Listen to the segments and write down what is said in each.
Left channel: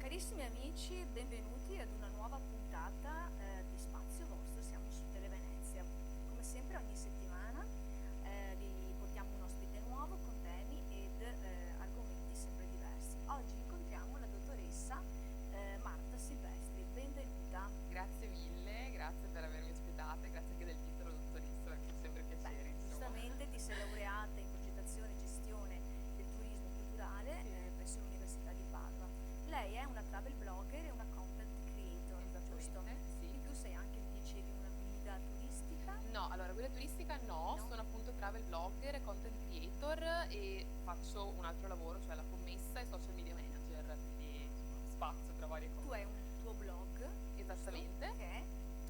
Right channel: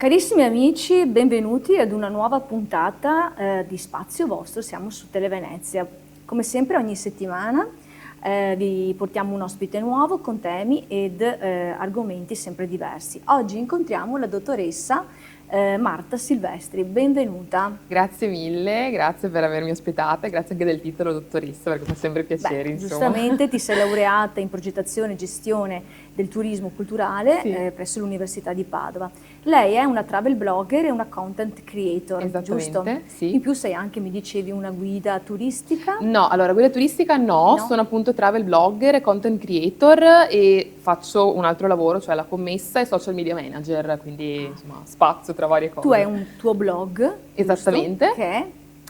Carissimi amici, benvenuti ad una nuova puntata di Spazio Vostro, siamo su Televenezia. Come sempre ogni settimana vi portiamo un ospite nuovo con temi ed argomenti sempre diversi. Oggi incontriamo la dottoressa Marta Silvestri, benvenuta. Grazie mille, grazie per avermi ospitata e grazie anche del titolo dottoressa perché fa sempre piacere, insomma. Giustamente ti sei laureata in progettazione e gestione del turismo culturale Sì. Presso l'Università di Padova. Lei è una travel blogger e una content creator, giusto? Esattamente, sì. In più sei anche, mi dicevi, una guida turistica? No, allora guida turistica no, sono appunto travel blogger e content creator e faccio un altro lavoro, cioè la commessa e social media manager, quindi insomma spazio tra varie cose. Tu hai un tuo blog, Esattamente. giusto? Che è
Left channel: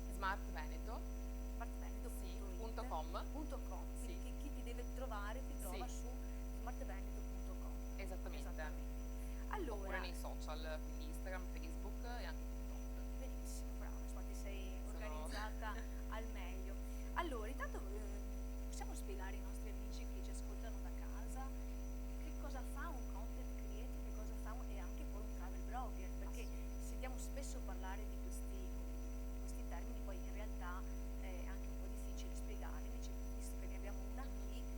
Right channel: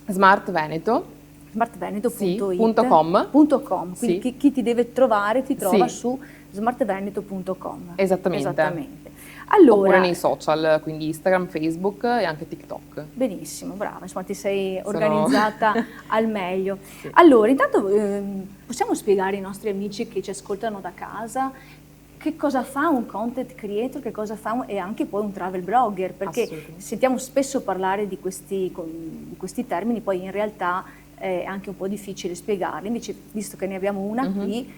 Smart Veneto. smartveneto.it.com. Quindi Sì. chi ti deve trovare ti trova Sì. su smartveneto.com. Esattamente. Allora, Oppure nei social, quindi Instagram, Facebook e anche TikTok. benissimo, brava, insomma ti sei organizzata al meglio. Sì. Allora, intanto possiamo spiegare ai nostri amici che ci ascoltano da casa che cosa fa un content creator, che cosa fa e anche poi un travel blogger, perché sentiamo spesso parlare di questi termini, poi in realtà è anche un po' difficile spiegarli, invece visto che ne abbiamo una qui,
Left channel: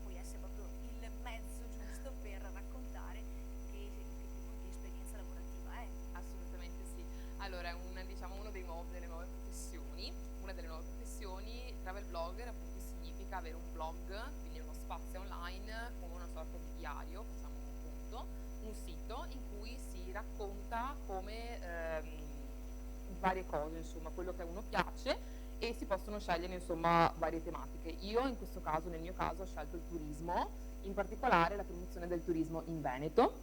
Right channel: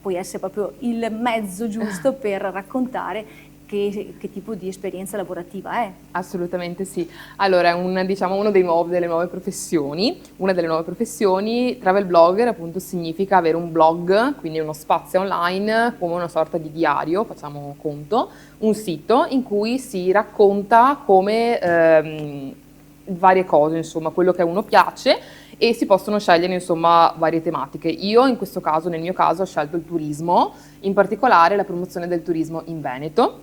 puoi essere proprio il mezzo giusto per raccontare che tipo di esperienza lavorativa è. Assolutamente sì. Allora, una delle nuove professioni. Una delle nuove professioni, travel blogger appunto significa avere un blog, quindi uno spazio online come una sorta di diario, facciamo conto, un sito in cui si racconta come varie cose, insomma, quello che a uno piace e si possono scegliere insomma varie tematiche. Io in questo caso, nel mio caso, ho scelto il turismo, in particolare la promozione del turismo in Veneto.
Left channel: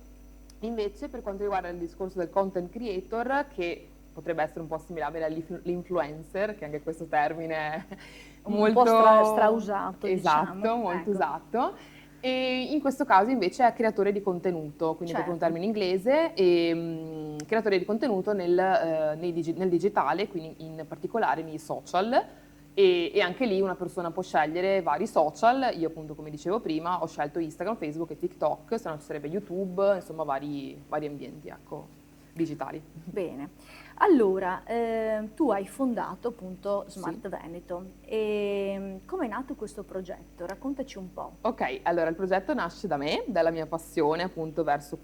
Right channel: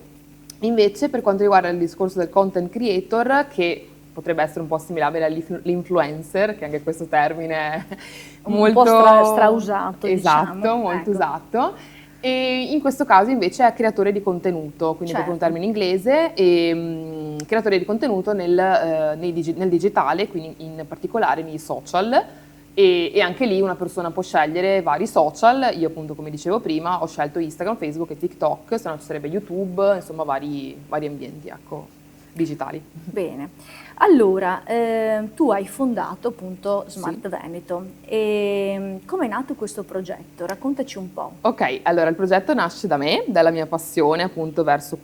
Invece per quanto riguarda il discorso del content creator, che potrebbe essere un po' assimilabile all'influencer, che anche questo termine è molto un po' strausato, esatto, diciamo. molto Ecco. usato. E in questo caso invece è creatore di contenuto, quindi proprio un termine inglese, e creatore di contenuto nel digitale, quindi in particolare nei social. E anche lì una persona può scegliere vari social. Io appunto, come dicevo prima, ho scelto Instagram, Facebook e TikTok, se no ci sarebbe YouTube, insomma vari ambienti, ecco, digitali. Bene, allora tu hai fondato appunto Smart Veneto e come è nato questo progetto? Raccontaci un po'. Ok, allora il progetto nasce da me, dalla mia passione appunto verso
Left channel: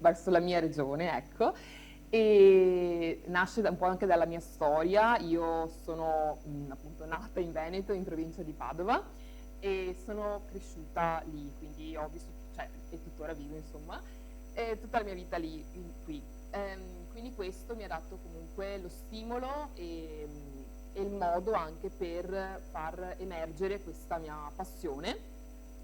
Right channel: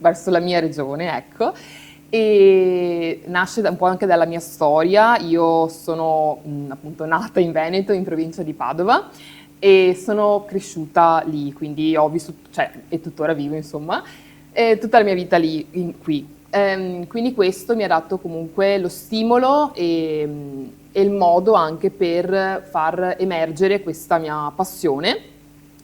verso la mia regione, ecco. E nasce un po' anche dalla mia storia. Io sono appunto nata in Veneto, in provincia di Padova, e sono cresciuta lì, quindi ho vissuto, cioè, e tuttora vivo insomma, tutta la mia vita lì, qui. Quindi questo mi ha dato comunque lo stimolo e il modo anche per far emergere questa mia passione,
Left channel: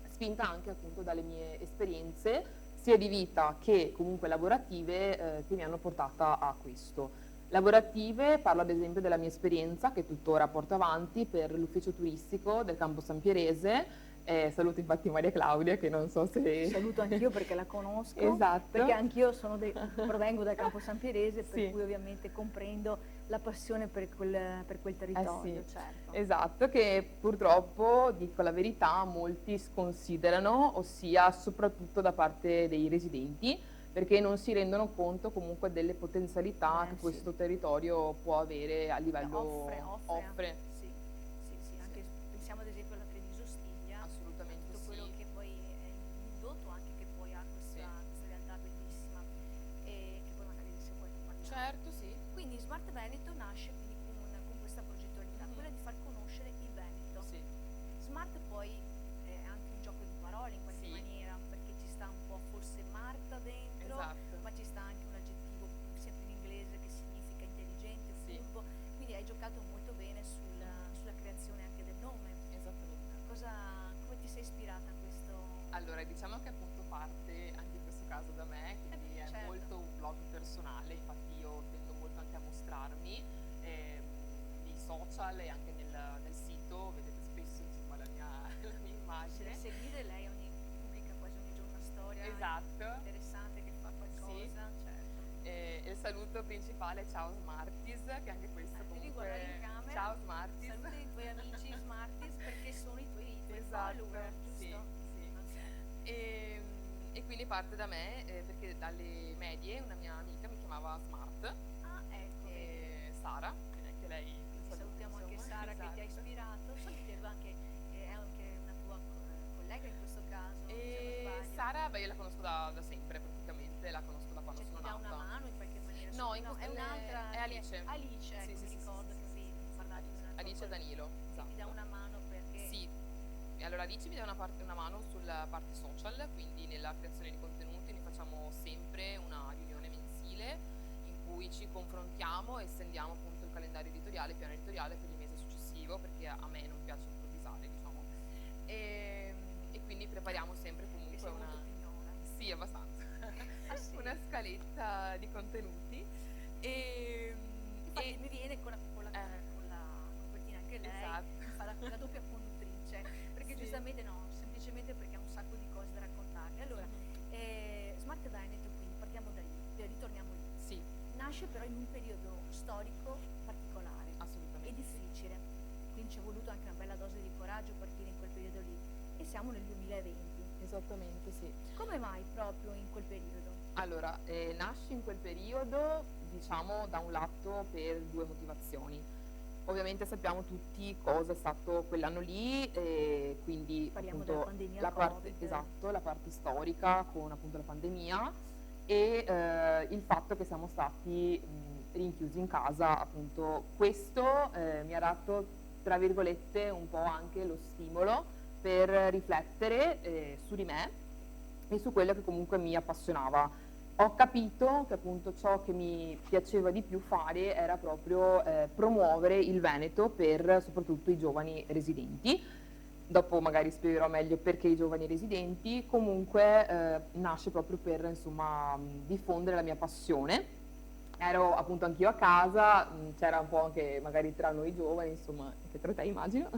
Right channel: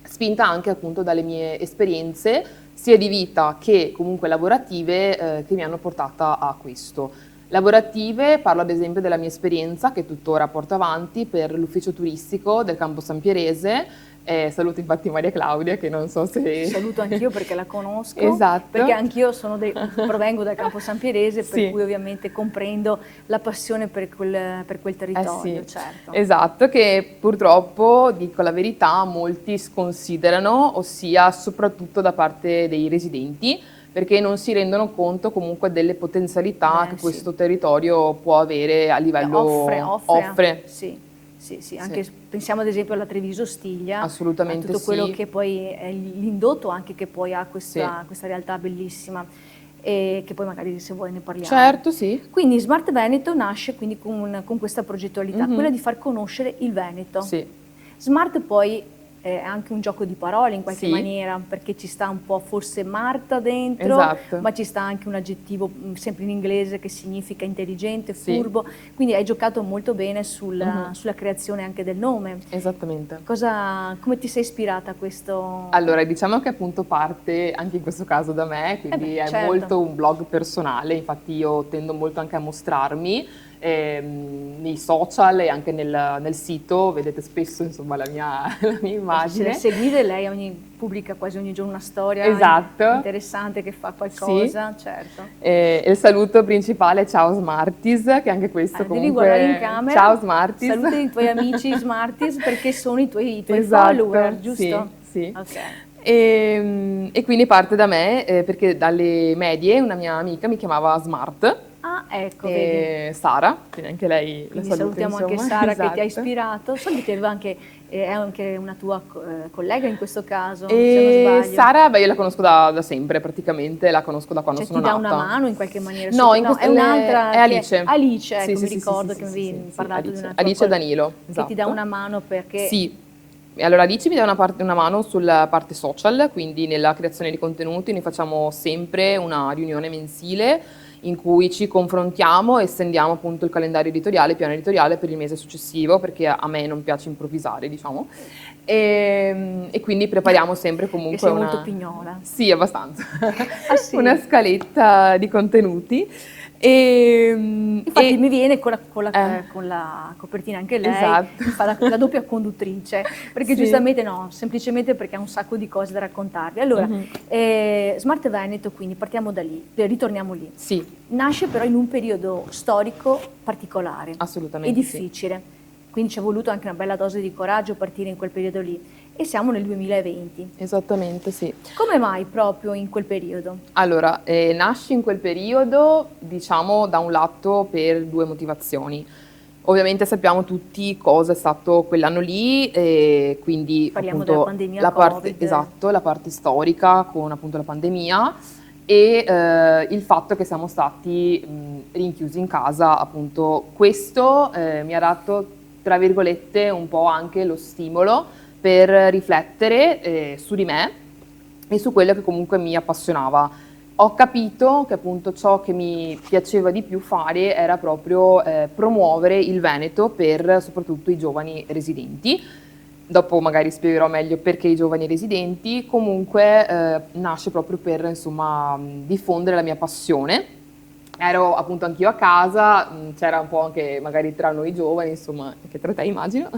spinta anche appunto dalle mie esperienze sia di vita che comunque lavorative che mi hanno portata a questo. Lavorative, parlo ad esempio della mia esperienza che tuttora porto avanti per l'ufficio turistico del Campo San Pierese. Saluto infatti Maria Claudia, che non so se... Saluto anch'io perché la conosco, Esatto. perché anch'io provengo dal Campo San Pierese, per Sì. cui ovviamente comprendo la passione per quel territorio, Sì. certo. Esatto, che purtroppo, dico la verità, molti sconsiderano, ossia soprattutto da parte dei residenti, perché non si rendono conto comunque delle potenzialità che questo territorio può avere a livello... Offre. Sì, anche pensiamo ad esempio alla Treviso Stiglia, assolutamente a tutto quello che poi è l'indotto anche che poi ha questa realtà bellissima e che poi magari se vuoi ne parliamo. Certo, sì. Quindi Smart Veneto nasce quindi con questa progettualità, quella di far conoscere il Veneto. Sì. Smart poi è anche un gioco di parole in qualche maniera, perché ci sta un po' forse Marta dentro, ma ci sta anche un aggettivo sempre in inglese che significa intelligente, furbo, quindi hai giocato molto bene sulla creazione anche del nome. Esattamente. Come ti sei ispirata a questo? Allora, diciamo che appunto parte anche in questo caso da me, quindi è molto un blog personale, infatti io tendo molto anche a mostrarmi nei social e anche nel sito, vedete spesso insomma la mia immagine. Se seguite, lei pubblica quasi ogni giorno una storia interessante che fa qualcosa, certo. E il saluto principale, ciao Smarties, che anche questo comunque... Devi guardare in camera, ciao Smarties. Saluta i tuoi amici Smarties perché sono i tuoi follower, giusto? Sì. Ok. E quindi parte da me, perché dalle medie una mia amica mi chiamava Smart, Ah, ecco, vedi. Sara, quindi anche lei la Quindi saluto, salutiamo anche insomma, Sara che ti ha esatto. ispirato. So che ti aveva anche, è anche una tua collega in questo caso, se non sbaglio. Sara, beh, io la conosco da sempre praticamente, la conosco da quando Cioè sono ti dà una nata. mano in qualche maniera? No, No, è un'altra è che è Alice. Alice, Sì, ecco, sì, mi sì, sì, sì, ricordo che sì, mi sì, avevi sì, parlato di Alice. una tua Alice e Danilo, che ti dà esatto. una mano perché... Sì, e allora Alice mi dà una mano sulla parte social, quindi nella creazione di contenuti. Noi facciamo sempre una riunione mensile in cui ci confrontiamo e stendiamo appunto il calendario editoriale, il piano editoriale per il mese successivo, perché a me non piace improvvisare, diciamo. E quindi prepariamo sempre che comunque sei molto una... pignola. Sì, abbastanza. Ah Una sì? scaletta di contenuti. Infatti mi viene eh, con la copertina anche lei, esatto. mi fa la doppia conduttrice, perché Sì. giustamente no, semplicemente perché ha un sacco di cose da raccontarvi. Allora, Mhm. Smart Veneto, quindi partiamo da lì, ritorniamo lì. Sì, Nasce però in un periodo storico particolare e assolutamente sì. difficile, quindi ci è voluto anche una bella dose di coraggio partire in quel periodo lì e siamo nel 2020. Esattamente sì. Come mai proprio in quel periodo? Allora, nasci in quel periodo, diciamo, da un lato per due motivazioni. Ovviamente sappiamo tutti cosa è stato quell'anno lì, quindi Parliamo della appunto pandemia la parte, Covid. esatto, la parte storica con appunto la pandemia e il fatto che siamo stati rinchiusi in casa, appunto. Questo mi ha dato, tra virgolette, un po' anche lo stimolo per riflettere su di me e su quello che comunque mi appassionava. Ho capito che appunto ciò che mi piaceva di più fare era proprio promuovere il Veneto per soprattutto i giovani residenti. Dopo magari spiegherò meglio perché i giovani residenti. Comunque nasce proprio per insomma diffondere la mia passione. Ero appunto anch'io a casa, c'era un po' anche magari tra noi giovani, insomma, anche tra te immagino,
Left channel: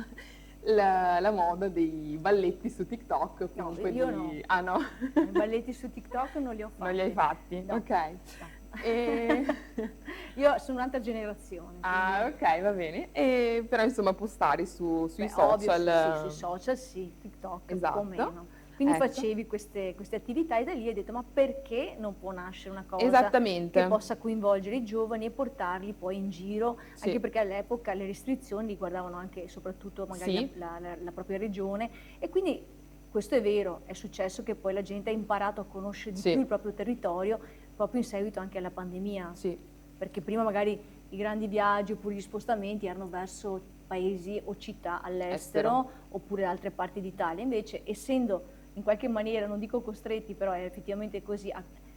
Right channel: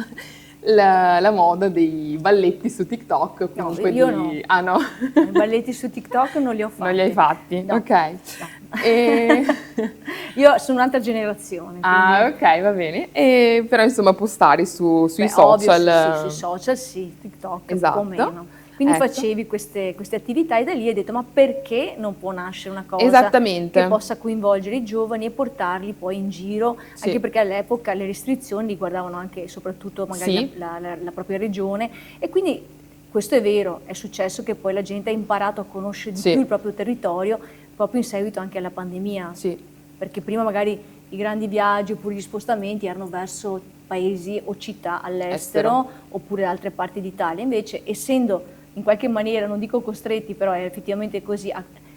la moda dei balletti su TikTok, o No, comunque io no. di... Ah no, No, i balletti su TikTok non li ho non li hai fatti. fatti? No, Ok. no. E... Io sono un'altra generazione, Ah, quindi, ok, va bene. E, però insomma postare sui beh, ovvio, social, sui social sì, TikTok un po' esatto, meno. Quindi ecco, facevi queste attività e da lì hai detto, ma perché non può nascere una cosa che esattamente, possa coinvolgere i giovani e portarli poi in giro, anche sì, perché all'epoca le restrizioni riguardavano anche e soprattutto magari sì, la propria regione e quindi questo è vero, è successo che poi la gente ha imparato a conoscere di più sì, il proprio territorio proprio in seguito anche alla pandemia, sì, perché prima magari i grandi viaggi oppure gli spostamenti erano verso paesi o città estero, all'estero oppure altre parti d'Italia. Invece, essendo in qualche maniera, non dico costretti, però è effettivamente così,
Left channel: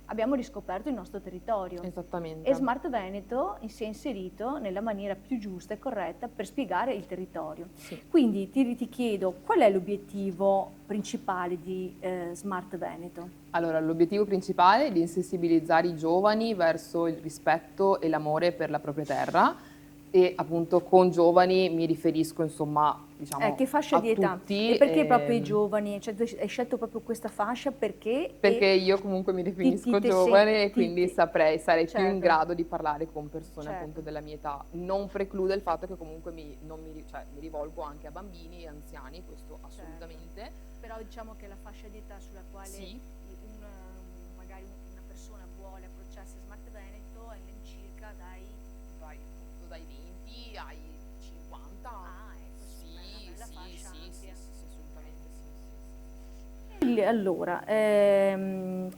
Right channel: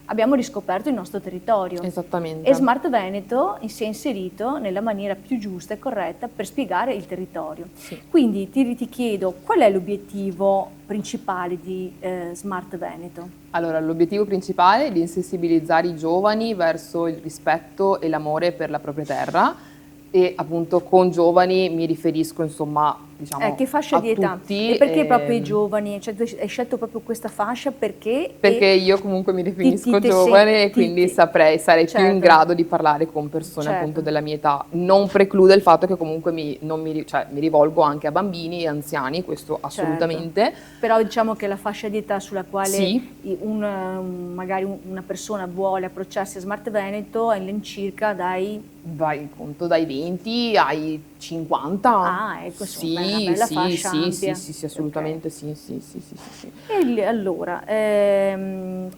abbiamo riscoperto il nostro territorio. E esattamente. Smart Veneto si è inserito nella maniera più giusta e corretta per spiegare il territorio. Sì. Quindi ti chiedo qual è l'obiettivo principale di Smart Veneto? Allora, l'obiettivo principale è di insensibilizzare i giovani verso il rispetto e l'amore per la propria terra e appunto con giovani mi riferisco insomma, diciamo, Che fascia a di età? E tutti. perché proprio i giovani? Cioè tu hai scelto proprio questa fascia perché Perché e io comunque mi ti definisco te sen giovane e quindi sarei più in certo, grado di parlare con persone appunto certo, della mia età. Non preclude il fatto che comunque non cioè, mi rivolgo anche a bambini e anziani, questo certo. assolutamente. Però diciamo che la fascia di età sulla quale Sì, magari una persona vuole approcciarsi a Smart Veneto è all'incirca dai... vai in conto dai 20 ai 50. Ah, ecco, insomma, è una Sì, bella sì, fascia sì, sì, ampia. sì, sì, Ok. assolutamente sì, sì, sì, sì, sì, sì. E allora,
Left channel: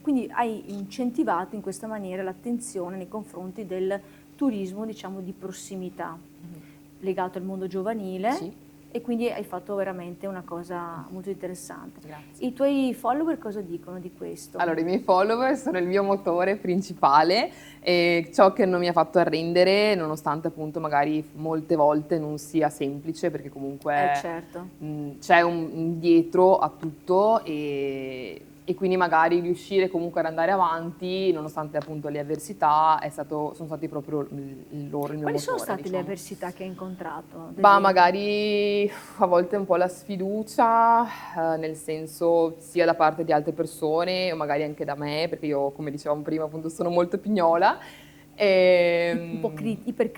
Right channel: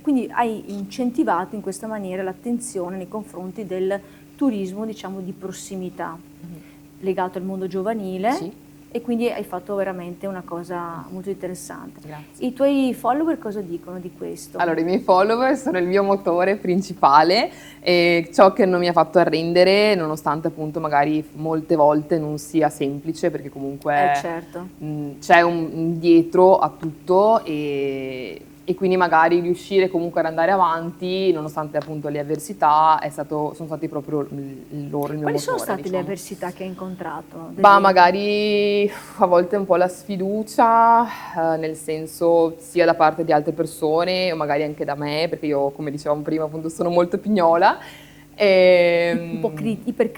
quindi hai incentivato in questa maniera l'attenzione nei confronti del turismo, diciamo, di prossimità, legato al mondo giovanile Sì, e quindi hai fatto veramente una cosa molto interessante. grazie. I tuoi follower cosa dicono di questo? Allora, i miei follower sono il mio motore principale e ciò che non mi ha fatto arrendere, nonostante appunto magari molte volte non sia semplice, perché comunque Certo, c'è un dietro a tutto e quindi magari riuscire comunque ad andare avanti, nonostante appunto le avversità, sono stati proprio il mio quali sono motore, state le diciamo. avversità che hai incontrato, ad Ma esempio? magari a volte un po' la sfiducia, nel senso sia da parte di altre persone o magari anche da me, perché io, come dicevamo prima, appunto sono molto pignola. Un po' Iper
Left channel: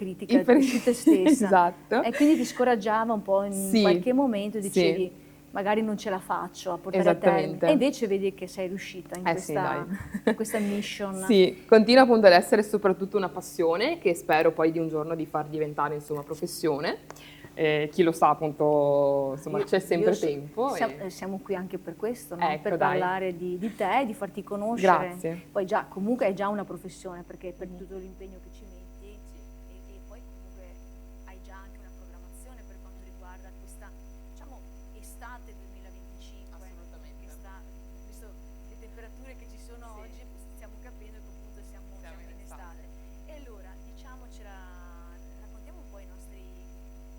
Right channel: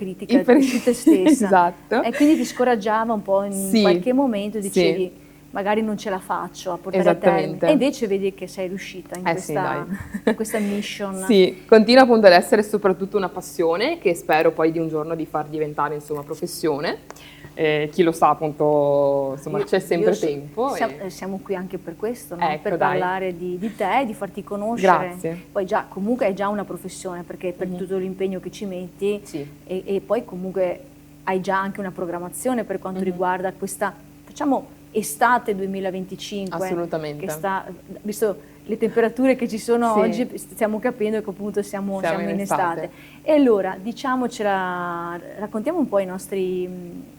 su te stessa esatto. e quindi ti scoraggiava un po' in Sì, qualche momento sì, dicevi: magari non ce la faccio a portare a termine. Esattamente. E invece vedi che sei riuscita in Sì, dai. in questa mission. Sì, continua appunto ad essere soprattutto una passione che spero poi di un giorno di far diventare insomma professione. Chi lo sa appunto, insomma c'è sempre tempo. Siamo qui anche per questo, no? Ecco, per dai. parlare di te, di farti conoscere. Grazie. Poi già, comunque è già una professione, perché per Mhm. tutto l'impegno che ci metti Sì. e poi comunque hai già anche una programmazione per quanto Mhm. riguarda questa, facciamo, estate 2025. Assolutamente. Che sta, visto le temperature che ci sono Sì. oggi, stiamo capendo che appunto siamo in estate. estate. E allora, diciamocela, raccontiamo un po' ai nostri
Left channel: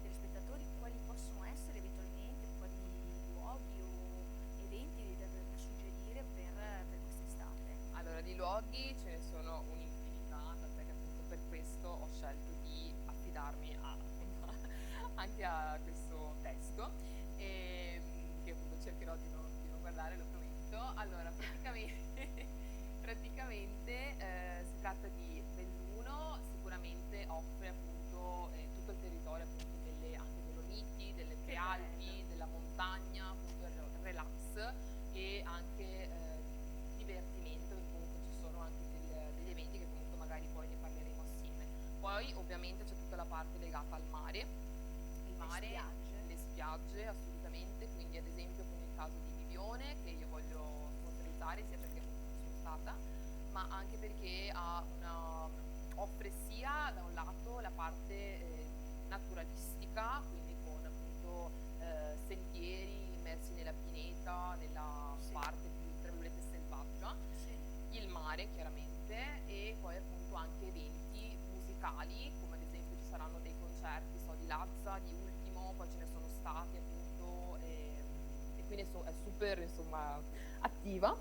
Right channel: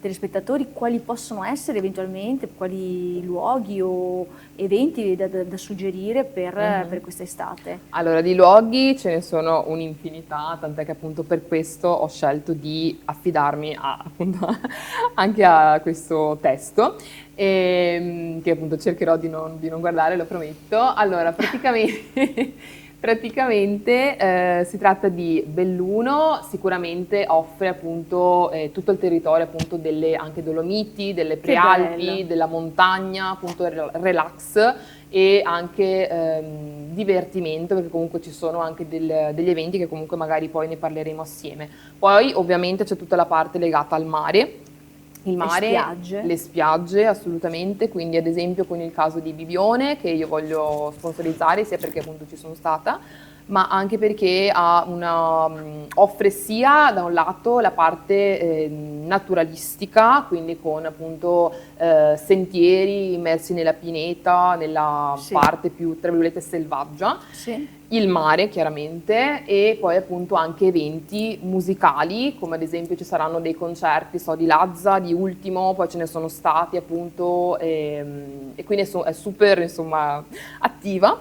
telespettatori quali possono essere eventualmente, quali luoghi o eventi da suggerire per questa estate. Allora, di luoghi ce ne sono un'infinità, tant'è che appunto per questo ho scelto di affidarmi appunto anche a questo testo, che appunto cercherò di non guardare, lo prometto. Allora, praticamente si tratta di Belluno, sicuramente offre appunto tutto il territorio appunto delle anche Dolomiti, delle Prealpi, bello. della montagna, appunto relax e anche divertimento, perché comunque ci sono anche degli eventi che comunque magari poi ne parleremo assieme. Poi ovviamente c'è tutta la parte legata al mare. Il mare, le spiagge assolutamente, quindi ad esempio con il caso di Bibione che io voglio sponsorizzare sia perché appunto ci sono stata, ma anche perché offre sia da un lato la parte naturalistica, quindi con appunto sentieri immersi nella pineta, nella parte più tra virgolette selvaggia. Sì. Il mare chiaramente e poi appunto anche eventi musicali come ad esempio ci saranno dei concerti di Lazza, di Ultimo, poi ce ne sono stati appunto e quindi è super insomma attiva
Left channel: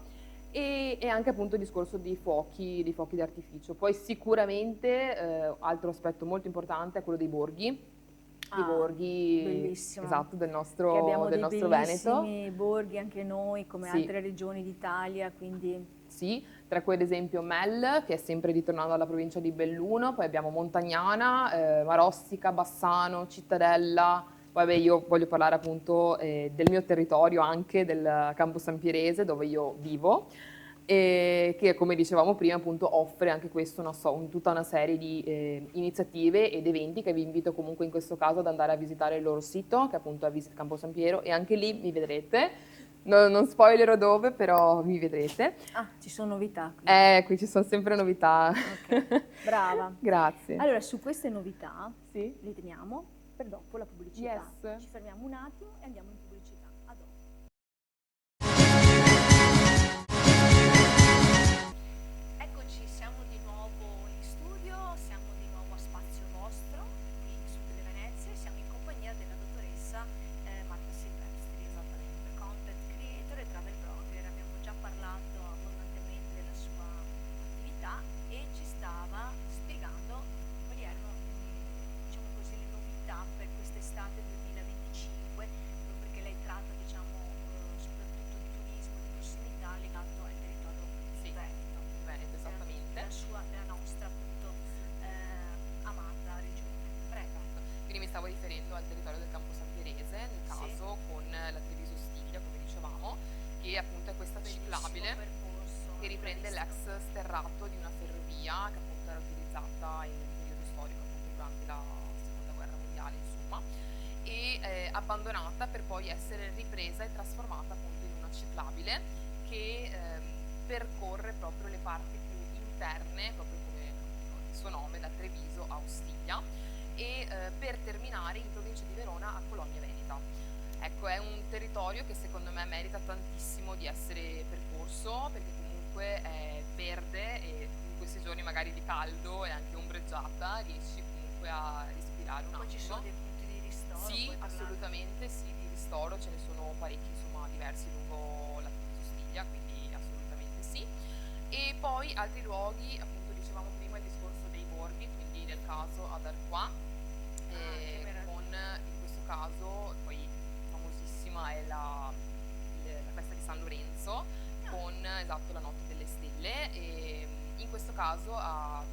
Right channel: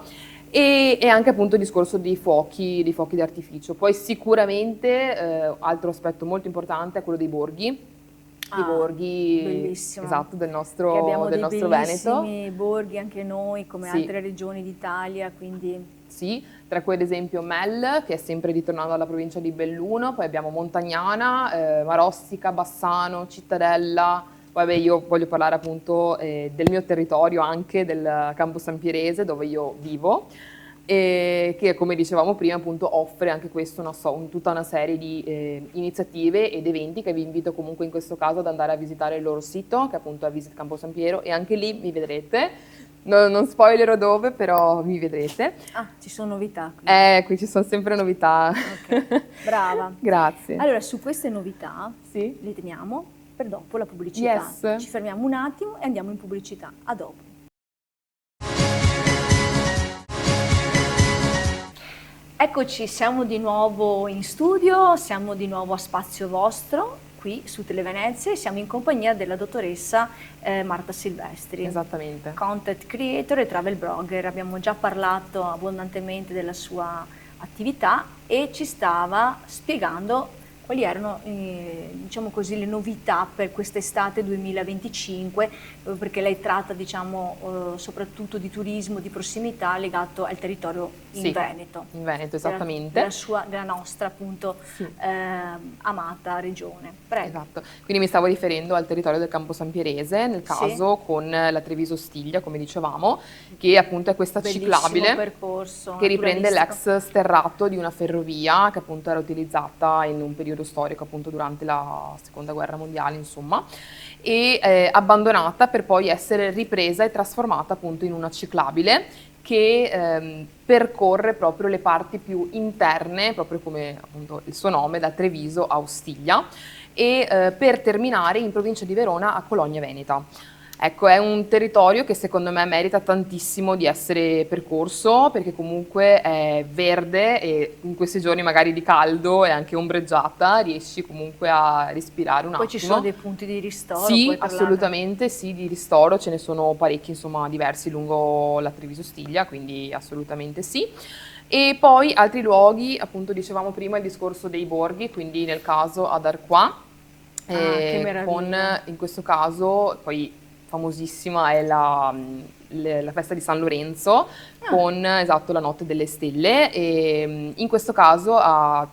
e anche appunto il discorso dei fuochi di artificio. Poi sicuramente altro aspetto molto importante è quello dei borghi. I borghi, bellissimo. esatto, del nostro abbiamo dei Veneto. bellissimi borghi anche noi come Sì. altre regioni d'Italia, quindi sì, tra cui ad esempio Mel, che è sempre ritornato alla provincia di Belluno, poi abbiamo Montagnana, Marostica, Bassano, Cittadella, poi vabbè, io voglio parlare appunto del mio territorio anche, del Campo San Pierese dove io vivo, e che come dicevamo prima appunto offre anche questo tutta una serie di iniziative ed eventi che vi invito comunque in questo caso ad andare a visitare il loro sito, che appunto è a Visit Campo San Piero, e anche lì mi vedrete. Non spoilerò dove, però mi vedrete. Ah, ci sono novità. Qui ci sono sempre novità. Ok, brava. Grazie. Allora, su queste novità le teniamo per dopo la pubblicità. Yes. Ci fermiamo un attimo e andiamo in pubblicità. A dopo. Eccoci, siamo di nuovo in studio, siamo di nuovo a Spazio Vostro, qui su Televenezia, e siamo in compagnia della dottoressa Marta Silvestri. Esattamente. Content creator e travel blogger. Abbiamo già parlato abbondantemente della sua attività e ci stava spiegando quali erano diciamo così, le novità per quest'estate 2025, perché lei tratta diciamo, soprattutto di turismo di prossimità legato al territorio in Veneto. In Veneto, esattamente. Della nostra appunto amata regione. Prego. Esatto, quindi mi stavo riferendo al territorio del Campo San Pierese, nel caso con la Treviso Stiglia, come dicevamo, che appunto è questa ciclabile percorso che riprende l'ex sterrato di una ferrovia che appunto era utilizzata in un periodo storico appunto durante la seconda guerra mondiale insomma e abbandonata per poi essere ripresa e trasformata appunto in una ciclabile che percorre proprio le parti più interne, proprio come appunto il suo nome, da Treviso a Ostiglia e per terminare in provincia di Verona a Cologna Veneta. Ecco, è un territorio che secondo me merita tantissimo di essere percorso perché comunque è verde e in questi giorni magari di caldo e anche ombreggiata riesci comunque a respirare un attimo. Poi ci sono dei punti di ristoro? Sì, assolutamente sì, di ristoro, ce ne sono parecchi insomma diversi lungo la Treviso Stiglia, quindi assolutamente sì. E poi altri luoghi, appunto dicevamo prima il discorso dei borghi, quindi nel caso ad Arquà, che meraviglia. con in questo caso poi famosissima è la festa di San Lorenzo Ah, con, esatto, la notte delle stelle e in questo caso ad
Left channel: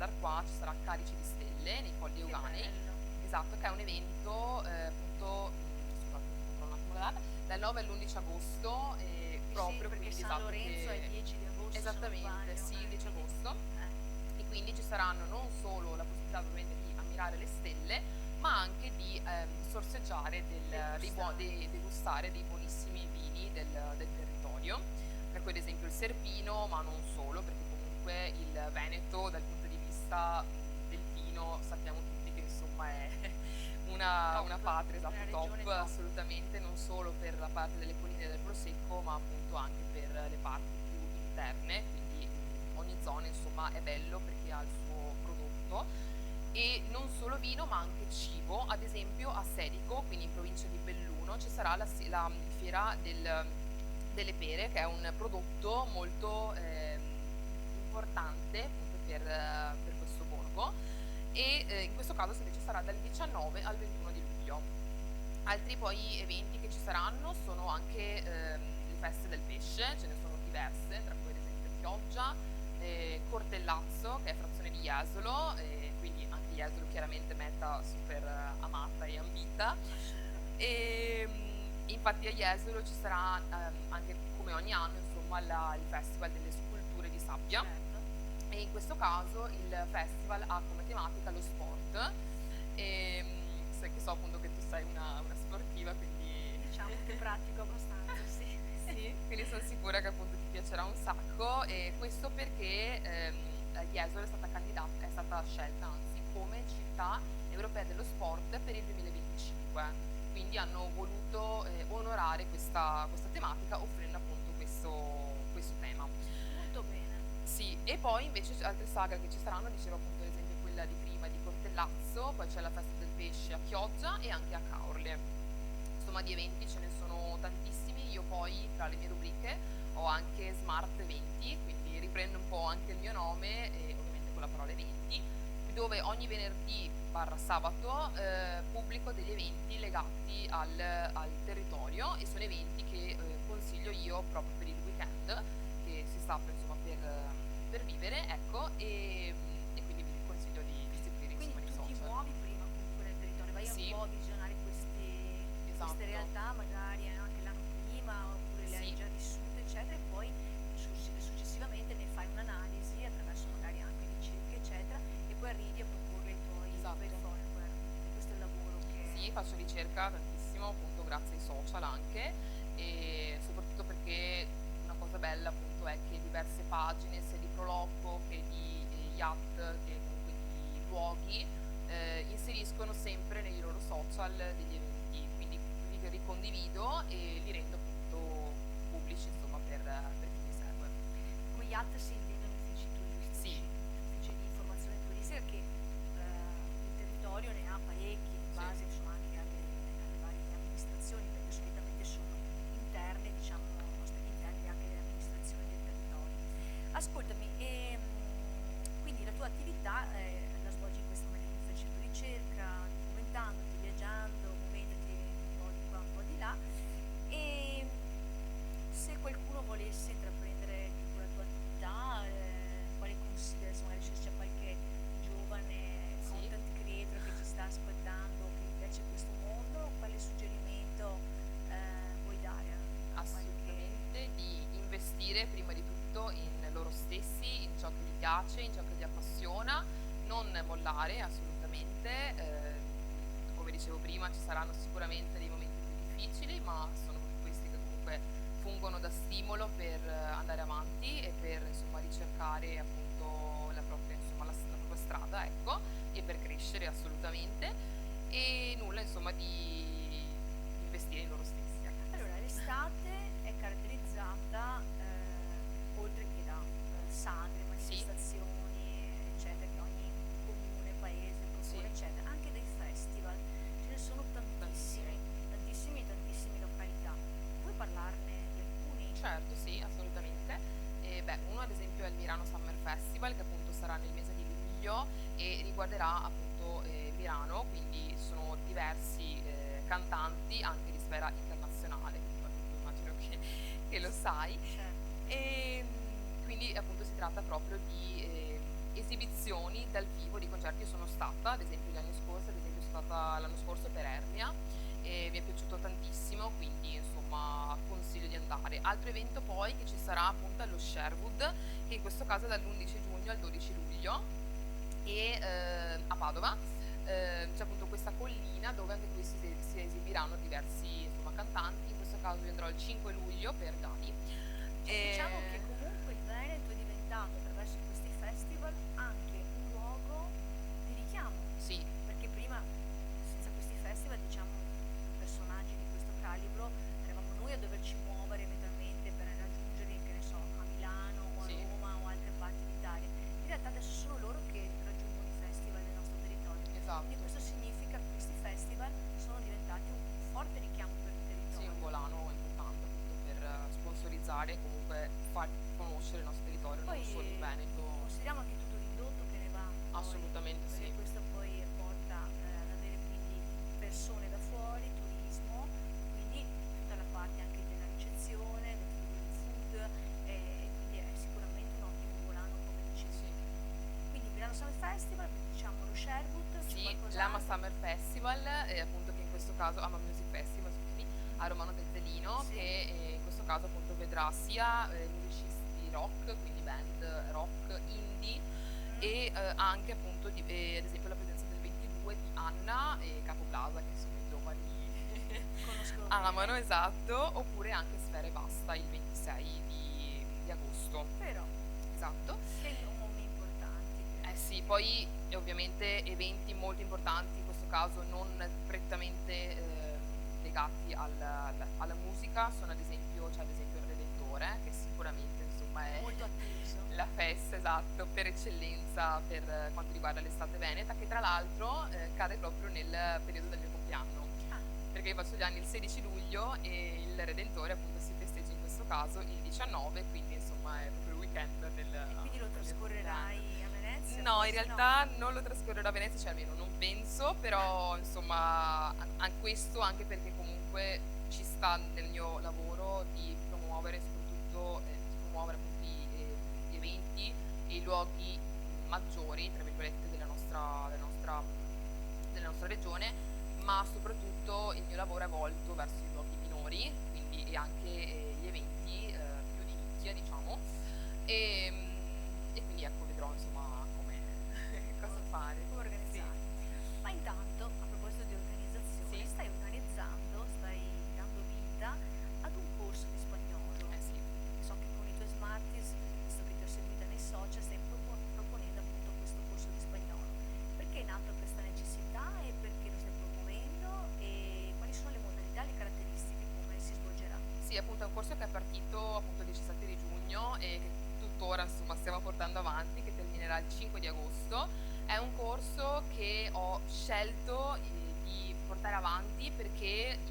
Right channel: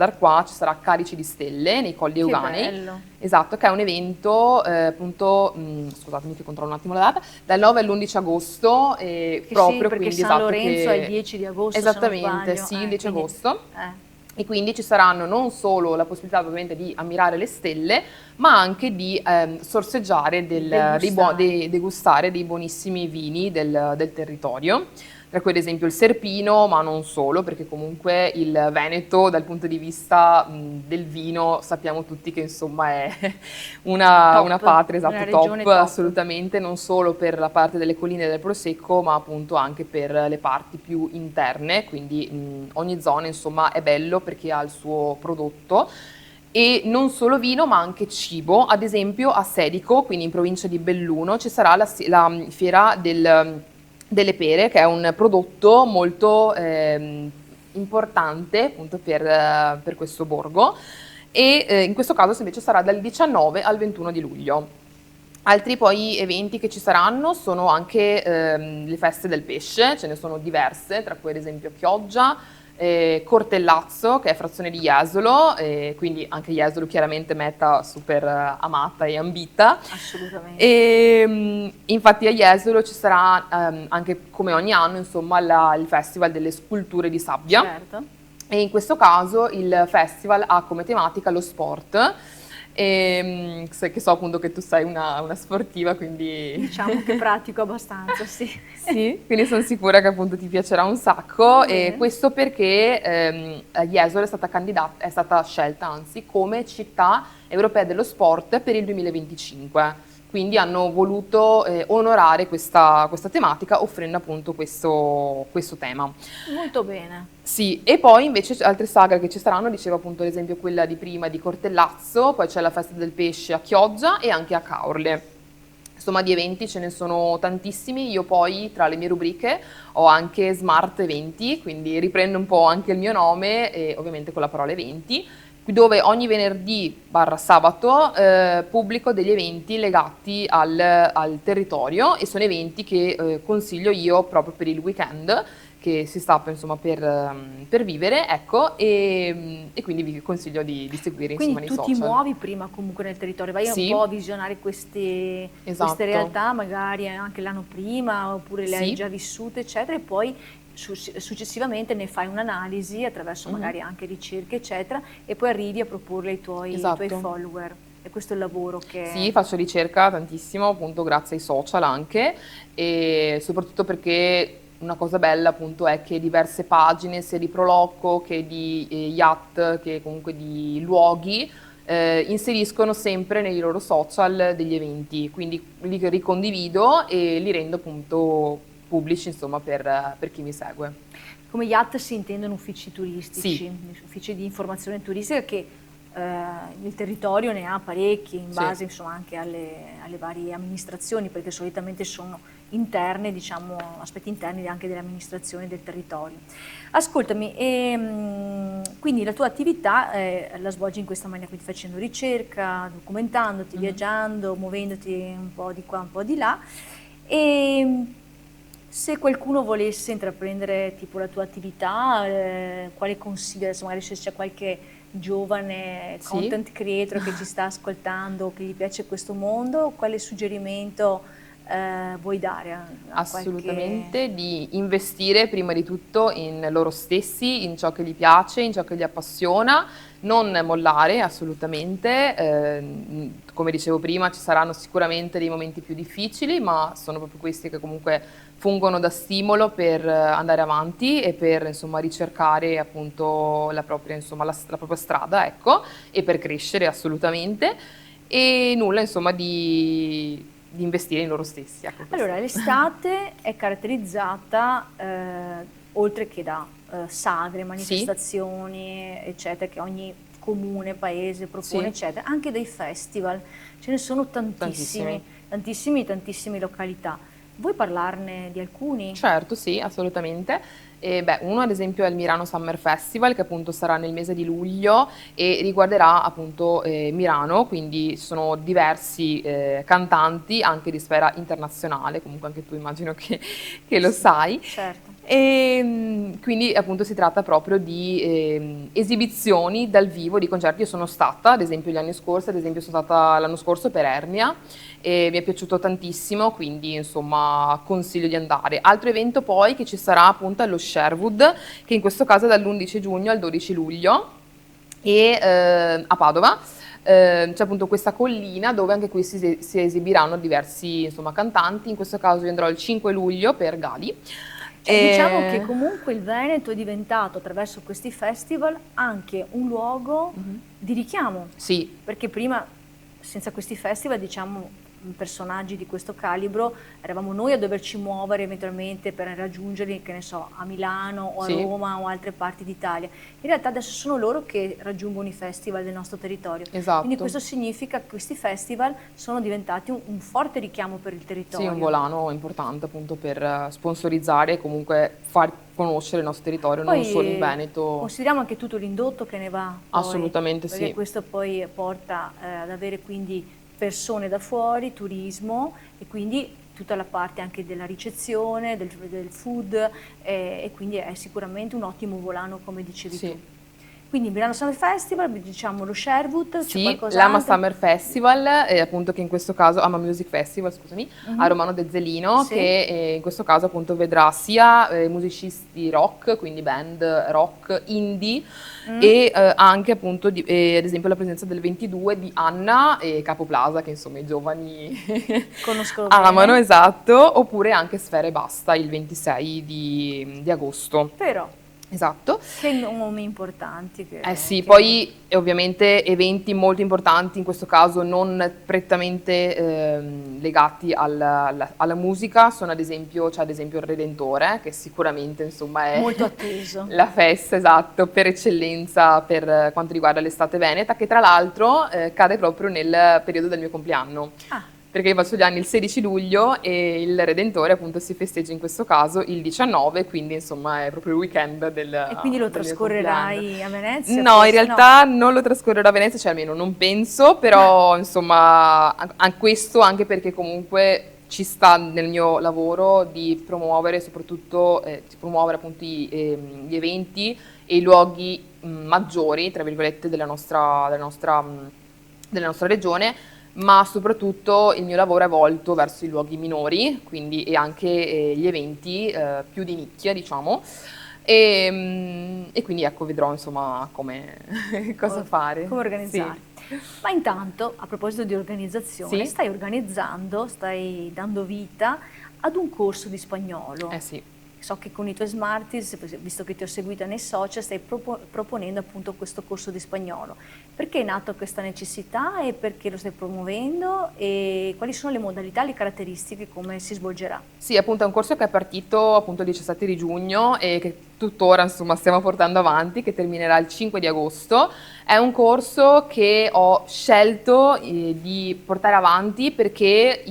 Arquà ci sarà Carici di Stelle nei Colli che Euganei, bello. esatto, che è un evento appunto, scusatemi che controllo un attimo la data, dal 9 all'11 agosto, Che sì, proprio perché quindi San esatto Lorenzo è il che 10 di agosto, se non esattamente, sbaglio. sì, il 10 Quindi, agosto. eh, E quindi ci saranno non solo la possibilità ovviamente di ammirare le stelle, ma anche di sorseggiare, degustare. degustare dei buonissimi vini del territorio, tra cui ad esempio il Serpino, ma non solo, perché comunque il Veneto dal punto di vista del vino sappiamo tutti che insomma è una Top, patria, una esatto, top, regione top. assolutamente, non solo per la parte delle colline del Prosecco, ma appunto anche per le parti più interne, quindi ogni zona insomma è bello perché ha il suo prodotto. E non solo vino, ma anche cibo. Ad esempio a Sedico, quindi in provincia di Belluno, ci sarà la fiera delle pere, che è un prodotto molto importante appunto per questo borgo e in questo caso invece sarà dal 19 al 21 di luglio. Altri poi eventi che ci saranno sono anche le feste del pesce, ce ne sono diverse, tra cui ad esempio Chioggia, Cortellazzo, che è frazione di Jesolo, quindi anche Jesolo chiaramente meta super amata e ambita. Assolutamente. E, infatti a Jesolo ci sarà anche come ogni anno insomma il Festival delle Sculture di Sabbia Certo. e in questo caso il festival ha come tematica lo sport. Che so appunto che tu sei una sportiva, quindi Diciamo che pratico abbastanza, sì. sì, quindi sono sicura che appunto ti piacerà un sacco Va e bene. questo perché Jesolo è stata scelta anzi come città europea dello sport per il 2025. Quindi hanno voluto onorare questa tematica offrendo appunto questo tema. Molto bene. Sì, e poi invece altre sagre che ci saranno, dicevo appunto ad esempio quella di prima di Cortellazzo, poi c'è la festa del pesce a Chioggia e anche a Caorle. Insomma, di eventi ce ne sono tantissimi. Io poi tra le mie rubriche ho anche Smart Eventi, quindi riprendo un po' anche il mio nome, e ovviamente con la parola eventi, dove ogni venerdì barra sabato pubblico degli eventi legati al territorio e sono eventi che consiglio io proprio per il weekend che si sta insomma per vivere, ecco, e quindi vi consiglio di seguire insomma Quindi nei tu ti social. muovi prima comunque nel territorio, vai un Sì, po' a visionare queste esatto. realtà, magari anche l'anno prima, oppure le hai Sì. già vissute, eccetera, e poi successivamente ne fai un'analisi attraverso Mhm. magari anche ricerche, eccetera, e poi arrivi a proporle ai tuoi Esatto. follower. E questo è il lavoro Sì, che... faccio ricerca tantissimo, appunto grazie ai social anche, e soprattutto perché una cosa bella appunto è che diverse pagine, sia di Proloco che di Yacht, che comunque di luoghi, inseriscono sempre nei loro social degli eventi, quindi li ricondivido e li rendo appunto pubblici, insomma, per chi mi segue. Come yacht si intendono uffici Sì, turistici, uffici di informazione turistica che il territorio ne ha parecchi in sì. base insomma anche alle varie amministrazioni, perché solitamente sono interne, diciamo, aspetti interni anche delle amministrazioni del territorio. Ascoltami, quindi la tua attività la svolgi in questa maniera, quindi facendo ricerca, documentandoti, Mhm. viaggiando, muovendoti un po' di qua, un po' di là. E se qualcuno volesse intraprendere tipo la tua attività, quale consigli, adesso magari se c'è qualche giovane Sì. content creator che ci sta ascoltando, che gli piace questo mondo, quale suggerimento vuoi dare a qualche... Assolutamente, di investire prima di tutto in loro stessi, in ciò che gli piace, in ciò che gli appassiona, non mollare assolutamente. Come dicevo prima, ci saranno sicuramente dei momenti più difficili, ma sono proprio questi che comunque fungono da stimolo per andare avanti e per insomma ricercare appunto la propria, insomma, la propria strada, ecco, e per crescere assolutamente. E nulla, insomma, di investire in loro stessi, ecco Allora, questo. l'estate è caratterizzata, oltre che da sagre, Sì, manifestazioni, eccetera, che ogni comune, paese propone, sì, eccetera, anche dei festival. Ce ne sono tantissimi, tantissimi. tantissime località. Vuoi parlarne di alcuni? Certo, sì, assolutamente. E beh, uno ad esempio è il Milano Summer Festival, che appunto sarà nel mese di luglio e riguarderà appunto Milano, quindi sono diversi cantanti anche di sfera internazionale, comunque anche tu immagino che lo sai. Certo. E quindi appunto si tratta proprio di esibizioni dal vivo di concerti. Io sono stata, ad esempio, gli anni scorsi, ad esempio sono stata l'anno scorso per Ernia e mi è piaciuto tantissimo, quindi insomma consiglio di andare. Altro evento poi che ci sarà appunto è lo Sherwood, che in questo caso è dall'11 giugno al 12 luglio e a Padova. C'è appunto questa collina dove anche qui si esibiranno diversi insomma, cantanti. In questo caso io andrò il 5 luglio per Gali. Diciamo che comunque il Veneto è diventato attraverso questi festival anche un luogo di richiamo, Sì, perché prima senza questi festival, diciamo, personaggi di questo calibro eravamo noi a doverci muovere eventualmente per raggiungerli, che ne so, a Milano o a sì, Roma o altre parti d'Italia. In realtà adesso sono loro che raggiungono i festival del nostro territorio. Quindi esatto. questo significa che questi festival sono diventati un forte richiamo per il Sì, territorio. un volano importante appunto per sponsorizzare e comunque far conoscere il nostro territorio, non solo in Veneto. Consideriamo anche tutto l'indotto che ne va, poi, Assolutamente perché sì. questo poi porta ad avere quindi persone da fuori, turismo e quindi tutta la parte anche della ricezione, del food e quindi è sicuramente un ottimo volano come dicevi tu. Sì. Quindi Milano Summer Festival, diciamo lo Sherwood, c'è Sì, qualcos'altro? l'Ama Summer Festival, appunto che in questo caso, Ama Music Festival, scusami, a Romano De Zelino, Sì. che in questo caso appunto vedrà sia musicisti rock, quindi band rock, indie, e anche appunto ad esempio la presenza del 22 di Anna e Capo Plaza, che insomma i giovani Conosco amano, bene. esatto, oppure anche Sfera e Basta il 26 di agosto. Però, Esatto. che nomi importanti. Eh sì, che- poi ovviamente eventi molto importanti, in questo caso non prettamente legati alla musica, sono ad esempio, c'è ad esempio il Redentore, che sicuramente insomma è Molto atteso. la festa, esatto, per eccellenza per quanto riguarda l'estate veneta, che tra l'altro cade proprio nel periodo del mio compleanno. Ah, Perché io faccio gli anni il 16 luglio e il Redentore appunto si festeggia in questo caso il 19, quindi insomma è proprio il weekend e quindi lo del mio compleanno. trascorrerai a Venezia? No, in Forse? realtà non lo trascorrerò a Venezia, cioè almeno non penso, però insomma questo anche perché comunque ci sta nel mio lavoro di promuovere soprattutto, di promuovere appunto gli eventi e i luoghi maggiori, tra virgolette, della nostra regione, ma soprattutto il mio lavoro è volto verso i luoghi minori, quindi e anche gli eventi più di nicchia, diciamo. E quindi ecco, vedrò insomma come cosa fare. Come organizzare. Ma intanto, a proposito di organizzazione, Sì. stai dando vita ad un corso di spagnolo. Sì. So che con i tuoi Smarties, visto che ti ho seguita nei social, stai proponendo appunto questo corso di spagnolo. Perché è nata questa necessità e perché lo stai promuovendo e quali sono le modalità, le caratteristiche, come si svolgerà? Sì, appunto è un corso che è partito appunto il 17 di giugno e che tuttora insomma stiamo portando avanti, che terminerà il 5 di agosto. È un corso che ho scelto di portare avanti perché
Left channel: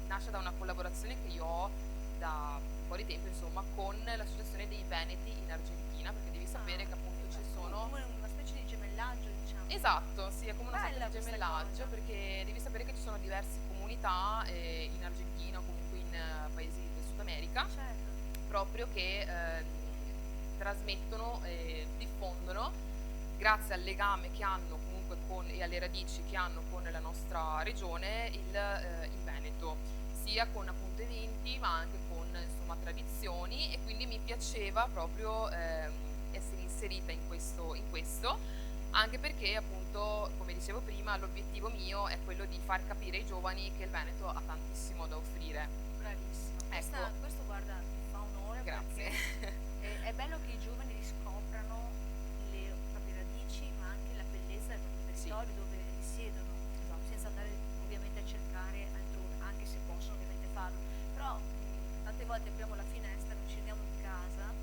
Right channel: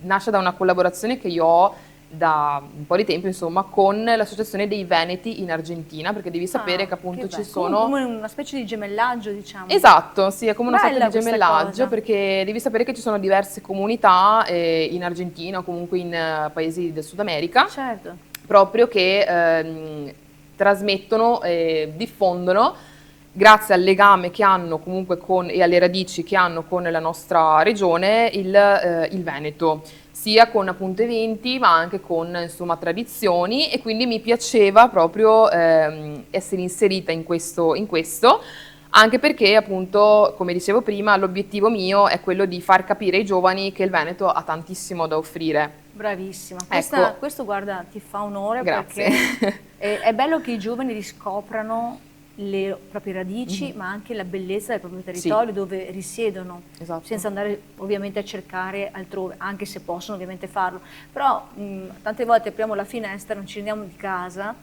nasce da una collaborazione che io ho da un po' di tempo, insomma, con l'Associazione dei Veneti in Argentina, perché devi sapere che appunto ci sono... Come una specie di gemellaggio, diciamo. Esatto, sì, è come una sorta Bella di questa gemellaggio, cosa. perché devi sapere che ci sono diverse comunità in Argentina o comunque in paesi del Sud America, Certo. proprio che trasmettono, diffondono, grazie al legame che hanno comunque e alle radici che hanno con la nostra regione, il Veneto, sia con appunto eventi ma anche con insomma tradizioni, e quindi mi piaceva proprio essere inserita in questo, anche perché appunto, come dicevo prima, l'obiettivo mio è quello di far capire ai giovani che il Veneto ha tantissimo da offrire. Bravissima. Ecco. Questo guarda, ti fa onore Grazie. perché è bello che i giovani riscoprano le proprie radici, ma anche la bellezza del proprio territorio dove risiedono, Esatto. senza andare ovviamente a cercare altrove, anche se possono ovviamente farlo. Però tante volte apriamo la finestra, non ci rendiamo di casa,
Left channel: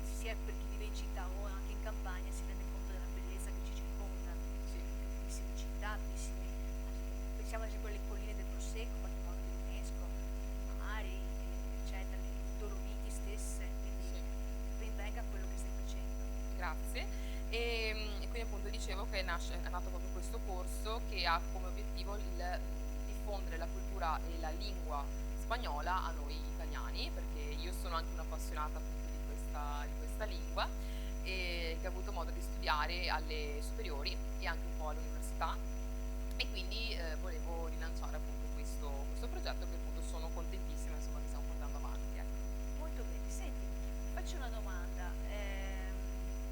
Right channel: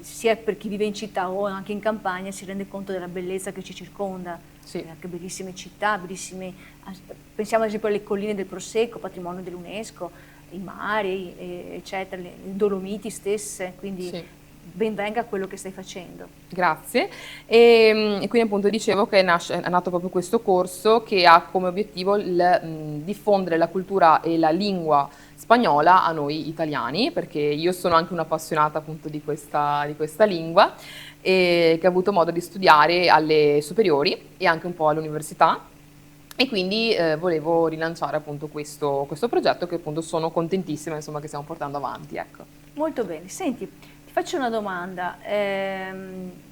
sia per chi vive in città o anche in campagna, si rende conto della bellezza che ci circonda. Sì. Anche bellissime città, pensiamo ad esempio alle colline del Prosecco, patrimonio dell'UNESCO, i mari, eccetera, le Dolomiti stesse, quindi Sì. ben venga quello che stai facendo. Grazie. E quindi appunto dicevo che è nato proprio questo corso che ha come obiettivo il diffondere la cultura e la lingua spagnola a noi italiani, perché io sono anche un'appassionata appunto di questa lingua e che ho avuto modo di studiare alle superiori e anche un po' all'università. E quindi volevo rilanciare appunto questo progetto che appunto sono contentissima insomma che stiamo portando avanti, ecco. Molto bene. Senti, ti faccio una domanda.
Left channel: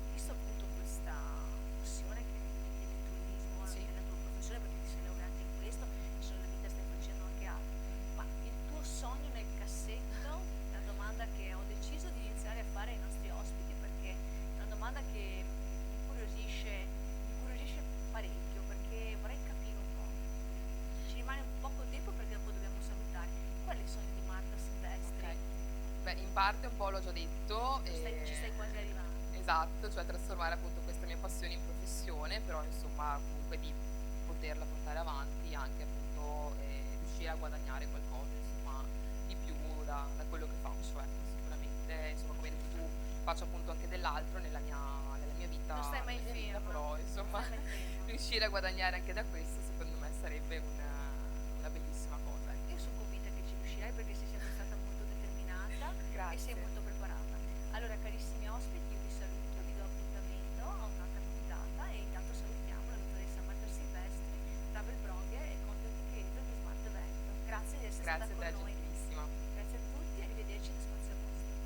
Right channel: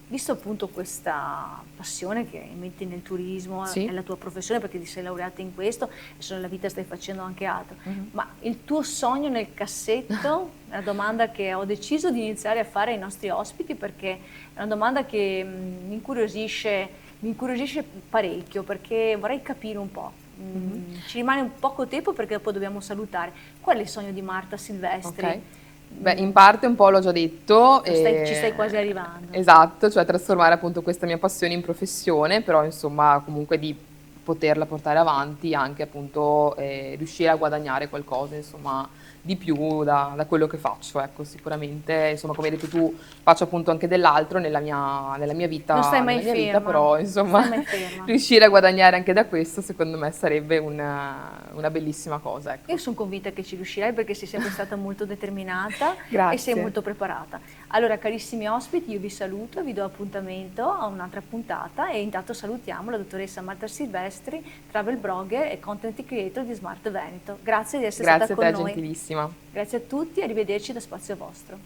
Visto appunto questa passione che metti nel turismo, è Sì? la tua professione perché ti sei laureata in questo, e se nella vita stai facendo anche altro, Mhm. ma il tuo sogno nel cassetto, è una domanda che ho deciso di iniziare a fare ai nostri ospiti perché è una domanda che mi incuriosisce parecchio perché vorrei capire un po'. Mhm. Ci rimane un poco tempo perché dopo dobbiamo salutare. Qual è il sogno di Marta Silvestri? Ok. Beh, in parte un po' l'ho già detto. Ci stai quasi arrivando. Esatto, cioè trasformare appunto questa mia passione in professione, però insomma comunque di poterla portare avanti, anche appunto riuscire a guadagnare qualcosa, insomma, di più da quello che faccio, ecco, sicuramente, insomma, come hai detto tu, faccio appunto anche dell'altro Non stai nella mai mia vita, ferma, però non insomma, stai mai ferma. riuscire a guadagnare anche da questo, secondo me sarebbe una bellissima cosa, ecco. Io sono convinta che ci riuscirai perché sei sempre stata molto determinata e sei Grazie. molto preparata. Allora, carissimi ospiti, io vi saluto, vi do appuntamento a un'altra puntata e intanto salutiamo la dottoressa Marta Silvestri, travel blogger e content creator di Smart Veneto. Grazie di essere Grazie stata a te, con noi. gentilissima. Grazie a tutti, arrivederci da Spazio Vostro.